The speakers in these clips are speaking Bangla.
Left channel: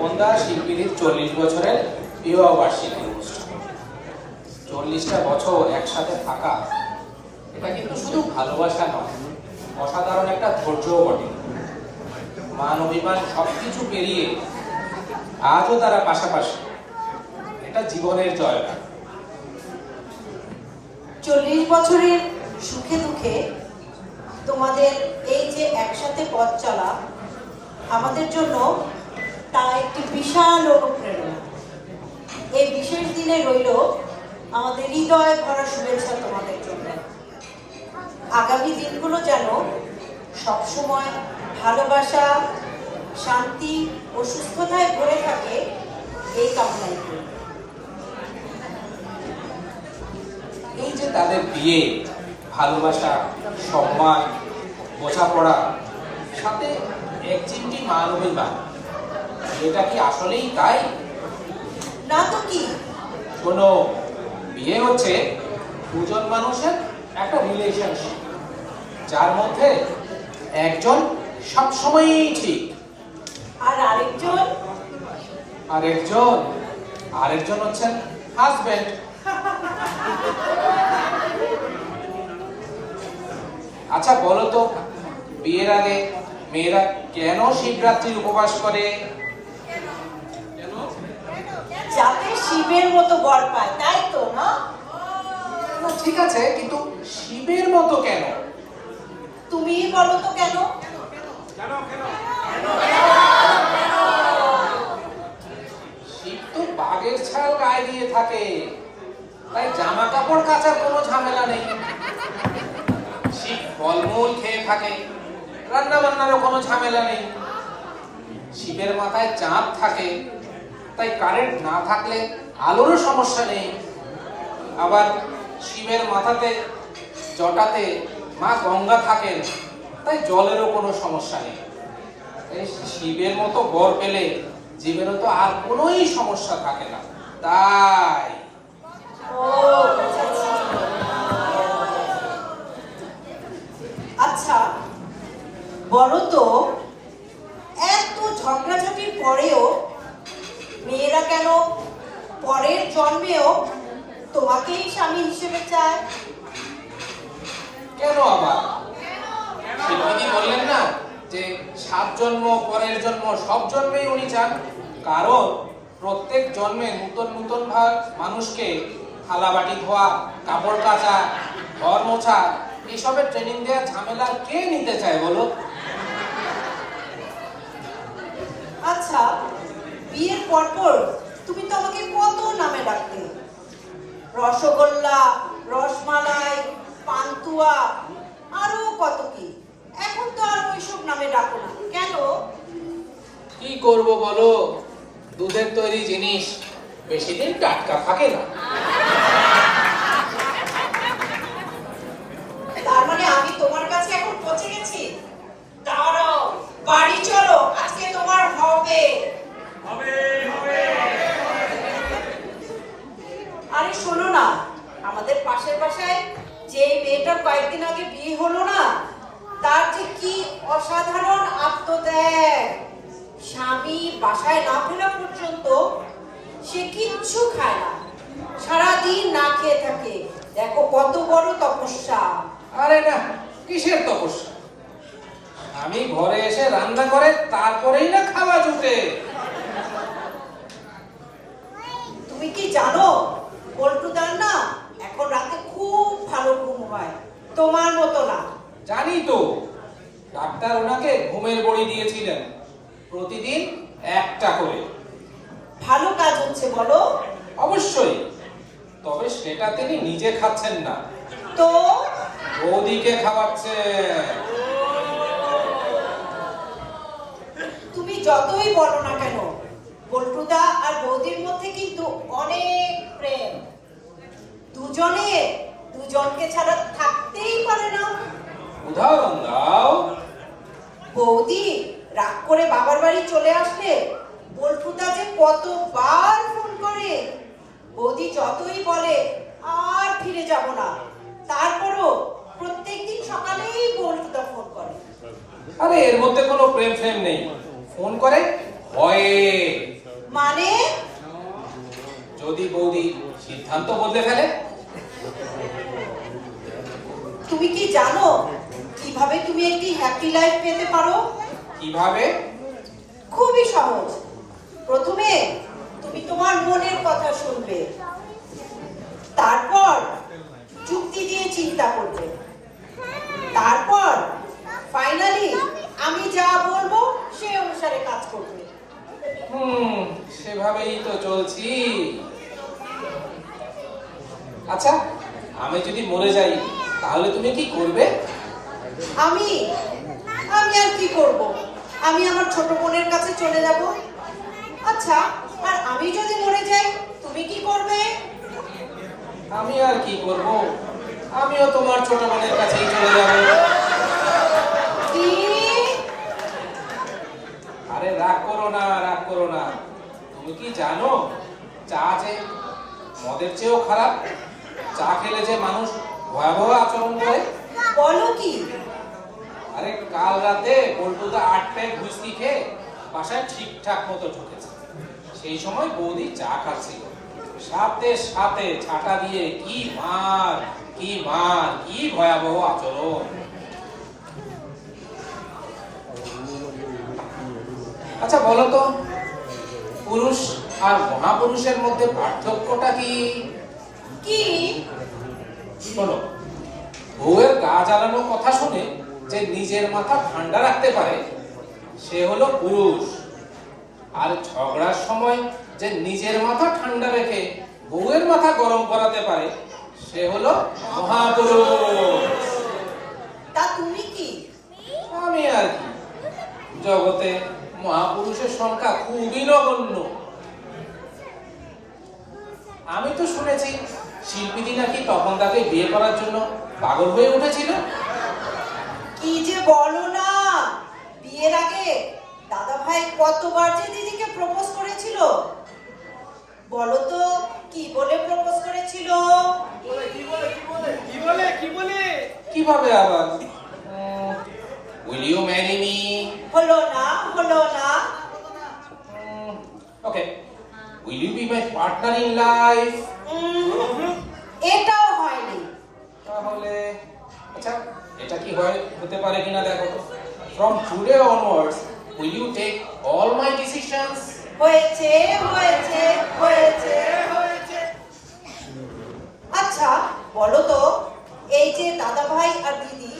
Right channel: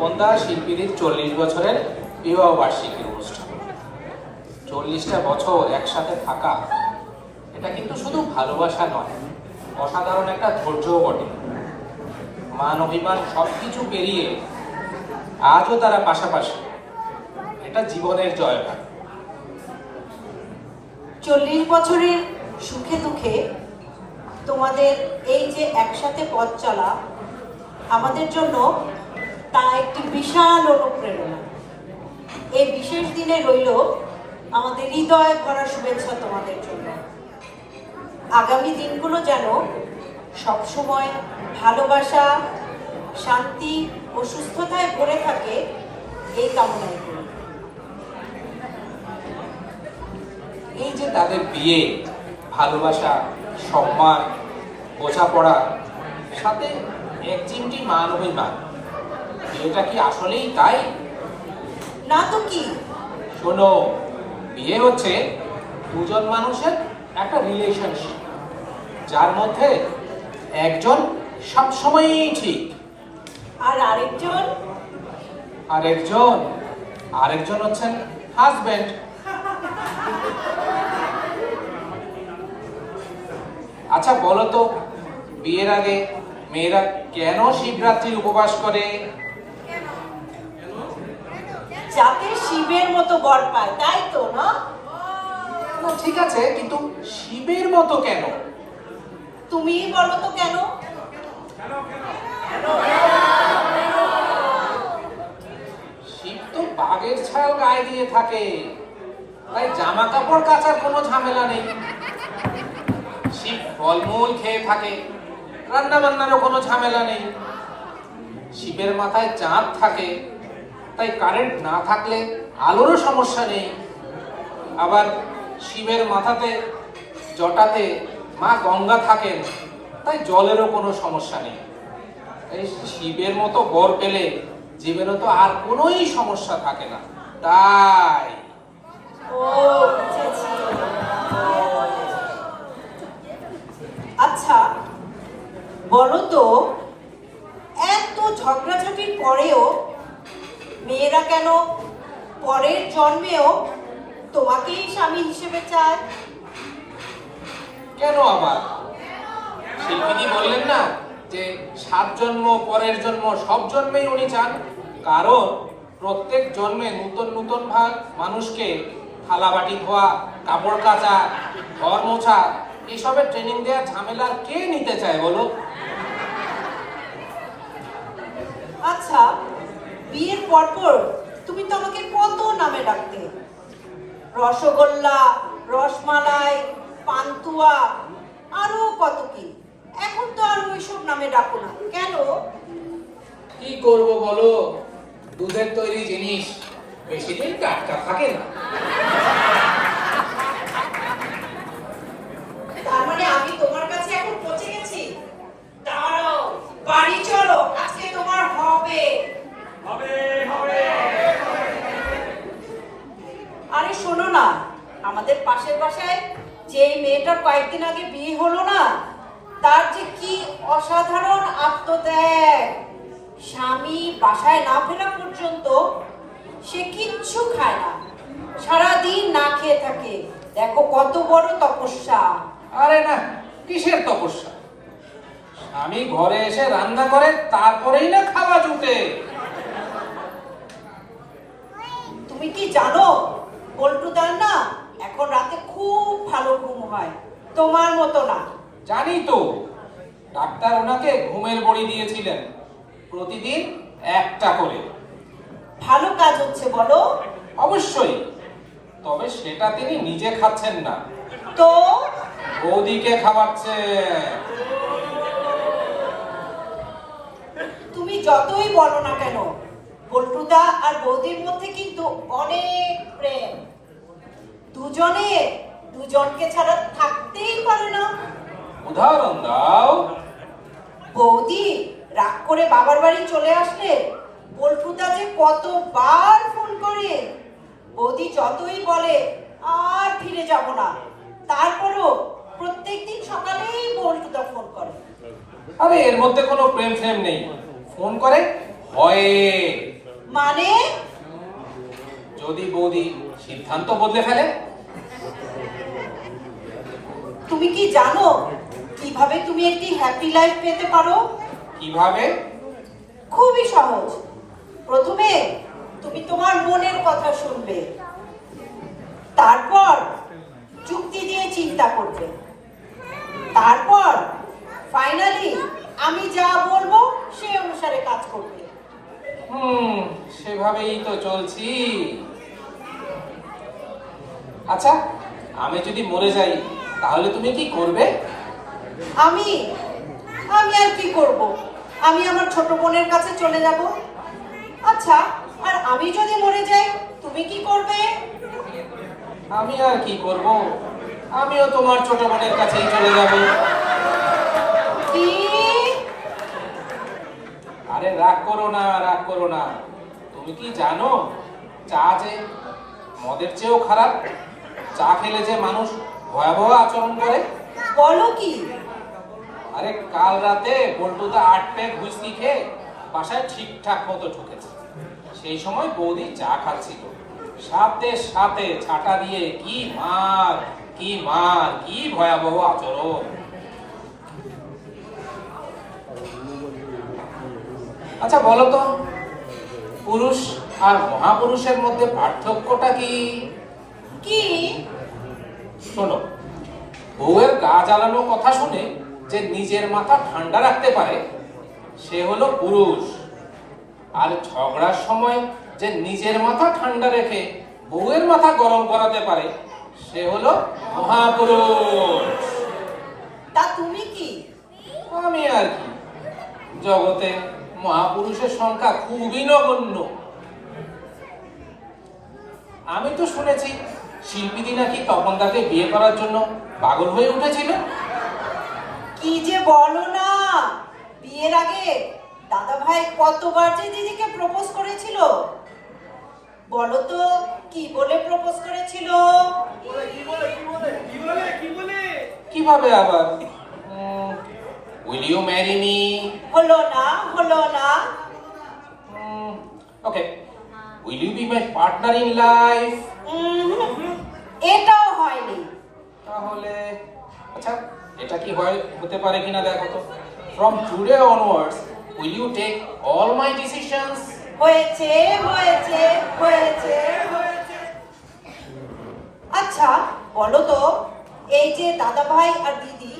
তপনদা শিল্পীদের 40 বছরের বিবাহ বার্ষিকী অনুষ্ঠান। 40টা বছর একসাথে থাকা, এটা কিন্তু শুধু ভালোবাসা নয়, অসাধারণ একটা ধৈর্যও বটে। মান অভিমান সবকিছু পেরিয়ে আজও তারা পাশাপাশি, এটা জীবনের জয়গান। 40 বছরের সুখে দুঃখে তোমাদের এই যে একসাথে পথ চলা আমাদের জন্য তা একটি বিশাল অনুপ্রেরণা। এই বিশেষ দিনে রইল আমাদের হৃদয় ভরা শুভেচ্ছা তোমাদের জন্য। আগামী দিনগুলো যেন সবসময় ভালোবাসা, শান্তি ও সুস্থতায় ভরে থাকে, এই কামনাই করি। এই যে তাদের বিয়ে, ভালোবাসা, সম্মান, বোঝাপড়া, সাথে এক চিমটি মান অভিমান, বিয়েটা কি আসলেই তাই? না তো কি? শোনো, বিয়ে হচ্ছে দুজন মানুষের একটা রিলেশনশিপ, যার মধ্যে একজন সবসময়ই ঠিক, আর আরেকজন হচ্ছেন হাজবেন্ড। আচ্ছা বলো তো, বিয়ের আগে মেয়েরা কেন শিবরাত্রির উপবাস করে? যাতে শিবের মতো বর পায়, তাই তো না? ঠিক আছে, কিন্তু শিবের মতো কেন? তুমিই বলো তো কেন? শিব তো বাঘের ছাল গায়ে দিয়ে থাকে, তাই জামা কাপড় কাচার কোনো ঝামেলা নেই। শিব ফলমূল খেয়ে থাকে, রান্না বান্নারও কোনো ঝামেলা নেই। শিবের মাথায় চাঁদ থাকে, তাই কারেন্ট না থাকলে আলোরও সমস্যা নেই। আবার শিবের মাথাতে জটাতে মা গঙ্গা থাকেন, তাই জলেরও কোনো সমস্যা নেই। তাই শিবের মতো বর পেলে জীবনে তো আর কোনোই সমস্যা থাকে না। তাই ও আচ্ছা, বলো তো, এত ঝগড়াঝাটির পরেও মেয়েরা কেন পরের জন্মেও তোমাকেই স্বামী হিসেবে চায়? কেন আবার? শিল্পী বললেন না যে 7 জন্ম, পরের জন্ম, সব জন্মেই উনি চান। কারণ প্রত্যেক জন্মে নতুন নতুন মানুষকে থালা বাটি ধোয়া, কাপড় কাচা, ঘর মোছা, এসবের ট্রেনিং দেওয়ার ঝামেলা কে নিতে চায় বলো? আচ্ছা, বিয়ের পরপর তুমি তো আমাকে কত নামে ডাকতে, রসগোল্লা, রসমালাই, পান্তুয়া, আরো কত কি। এখন তো আর ওইসব নামে ডাকো না কেন? কি করব বলো, দুধের তৈরি জিনিস বেশি দিন টাটকা থাকে না। তার মানে আমি তোমার কাছে এখন পৌঁছে গেছি? দাঁড়াও, বাড়ি চলো, আজকে তোমার হবে। আরে শোনো না, আমাদের পাশের বাসায় যে মেয়েটা কয়েকদিন আগে বিয়ে হলো না, তার যে কি অসাধারণ আত্মত্যাগ। স্বামী বাসায় না ফেরা পর্যন্ত সে কিচ্ছু খায় না, সারাদিন না খেয়ে থাকে। দেখো কত বড় তপস্যা। আরে না, কিসের তপস্যা? আমি ঘরে এসে রান্না করে তারপরেই না খাওয়া জুটে। তুমি কি জানো, পল্টুদার না এখন রাতে খুব ভালো ঘুম হয়, তোমার মতো না। জানি তো, ডাক্তার ওনাকে ঘুমের বড়ি দিয়েছিলেন, প্রতিদিন একটা করে। ভালো কাজ হচ্ছে বলো? অবশ্যই, তবে সেটা তিনি নিজে খাচ্ছেন না, তো বৌদিকে খাওয়াচ্ছেন। তুমি যতই বলো না কেন, পল্টুদা আর বৌদির মধ্যে কিন্তু অনেক প্রেম। দুজনে দুজনকে ছাড়া থাকতেই পারে না। উদাহরণ দাও। বৌদি রাগ করে বাবার বাড়ি চলে আসলে পল্টুদা যে কতবার ফোন করে। বৌদি যতই বলে আর ফিরে যাব না, তারপরও প্রত্যেকদিন সকালেই পল্টুদা ফোন করে। আরে এর মধ্যে কোনো প্রেম ফ্রেম নেই, ফোন করে ভয়ে। মানে? যদি বৌদি সিদ্ধান্ত বদলে ফেলে? তুমি কি জানো কিভাবে তুমি একটি হ্যাপি লাইফ পেতে পারো? কিভাবে? খুবই সহজ। প্রথমে তুমি তোমার মনের কথা শুনবে, তারপর যুক্তি দিয়ে চিন্তা করবে, তারপর ফাইনালি আমি যা বলবো সেই অনুসারে কাজ করবে। সেভাবেই তো চলছি। আচ্ছা, আমি যদি মরে যাই তাহলে তুমি কি করবে? আমি আমি আর কি করব? আমি আমার ছোট বোনের কাছে চলে যাব। আচ্ছা, আর আমি যদি মরে যাই তুমি কি করবে? আমি আর কি করব, আমিও তোমার ছোট বোনের কাছেই চলে যাব। কি? আরে রাগ করো না, রাগ করো না। তুমি কি জানো চা যে মদের চেয়েও খারাপ? চা খেলে যে মানুষ ভয়াবহ আচরণ করে। বলো কি? আরে কাল রাতে বল্টুদা 8 প্যাক হুইস্কি খেয়ে বাসায় ঠিকঠাক মতো ঢুকেছে। সেই সময় বৌদি চা খাচ্ছিল, সাথে সাথে ছাটা দিয়ে কি মার, কি মার, কি ভয়াবহ আচরণ। আচ্ছা বলো তো, পুরুষ আর মহাপুরুষের মধ্যে পার্থক্যটা কি? কি? শোনো, বউয়ের গা জ্বালানো কথা শুনে যে নিজের মাথা ঠান্ডা রাখতে পারে সে হলো পুরুষ, আর ঝগড়ার সময় যে নিজের মাথা ঠান্ডা রেখে বউয়ের মাথা গরম করাতে পারে সে হলো মহাপুরুষ। তা তুমি কি? আমি আর কি, জগতে মহাপুরুষের সংখ্যা খুবই নগণ্য। আমি তো শুনেছি শিল্পীদি নাকি তপনদাকে বিয়ে করার জন্য পাগল হয়ে উঠেছিল। কি যে বলো না! বিয়ের আগে দাদা ভাই কতবার যে দিদিকে প্রপোজ করেছিল। বলো তো কি বলে প্রপোজ করেছিল? কিভাবে আবার? Will you marry me? হলো না, হলো না। Okay. Will you be my partner in life? এটাও হয়নি। তাহলে আচ্ছা, এটা কি হতে পারে কিনা দেখো তো। From today onwards, will you take all my decisions? হয়েছে, হয়েছে, হয়েছে, হয়েছে। আচ্ছা বলো তো, এই যে দাদা ভাই আর দিদি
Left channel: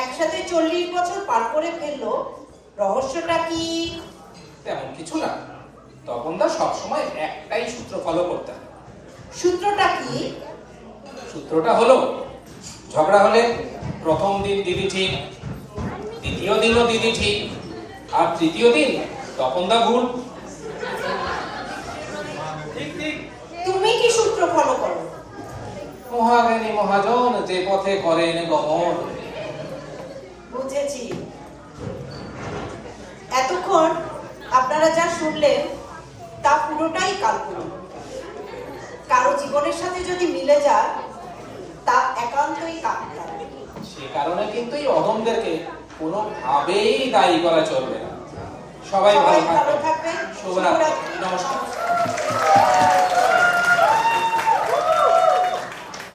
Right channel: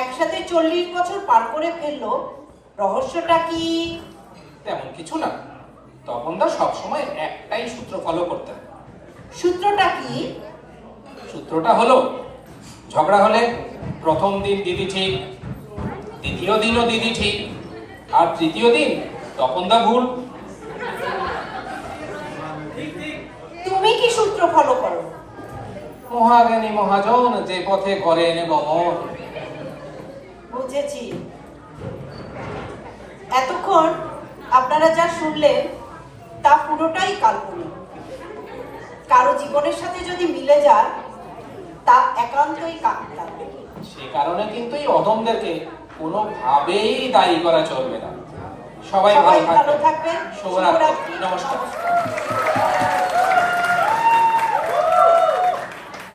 একসাথে 40 বছর পার করে ফেললো, রহস্যটা কি? তেমন কিছু না। তপনদা সবসময় একটাই সূত্র ফলো করতেন। সূত্রটা কি? সূত্রটা হলো, ঝগড়া হলে প্রথম দিন দিদি ঠিক, দ্বিতীয় দিনও দিদি ঠিক, আর তৃতীয় দিন তপনদা ভুল। তুমি কি সূত্র ফলো করো? মহাজ্ঞানী মহাজন যে পথে করেন গমন। বুঝেছি। এতক্ষণ আপনারা যা শুনলেন তা পুরোটাই কাল্পনিক। কারো জীবনের সাথে যদি মিলে যায় তা একান্তই কাকতালীয়। সে কারণে কিন্তু এই অদমদেরকে কোনোভাবেই দায়ী করা চলবে না। সবাই ভালো থাকবেন। থাকবেন। শুভরাত্রি। শুভরাত্রি। নমস্কার।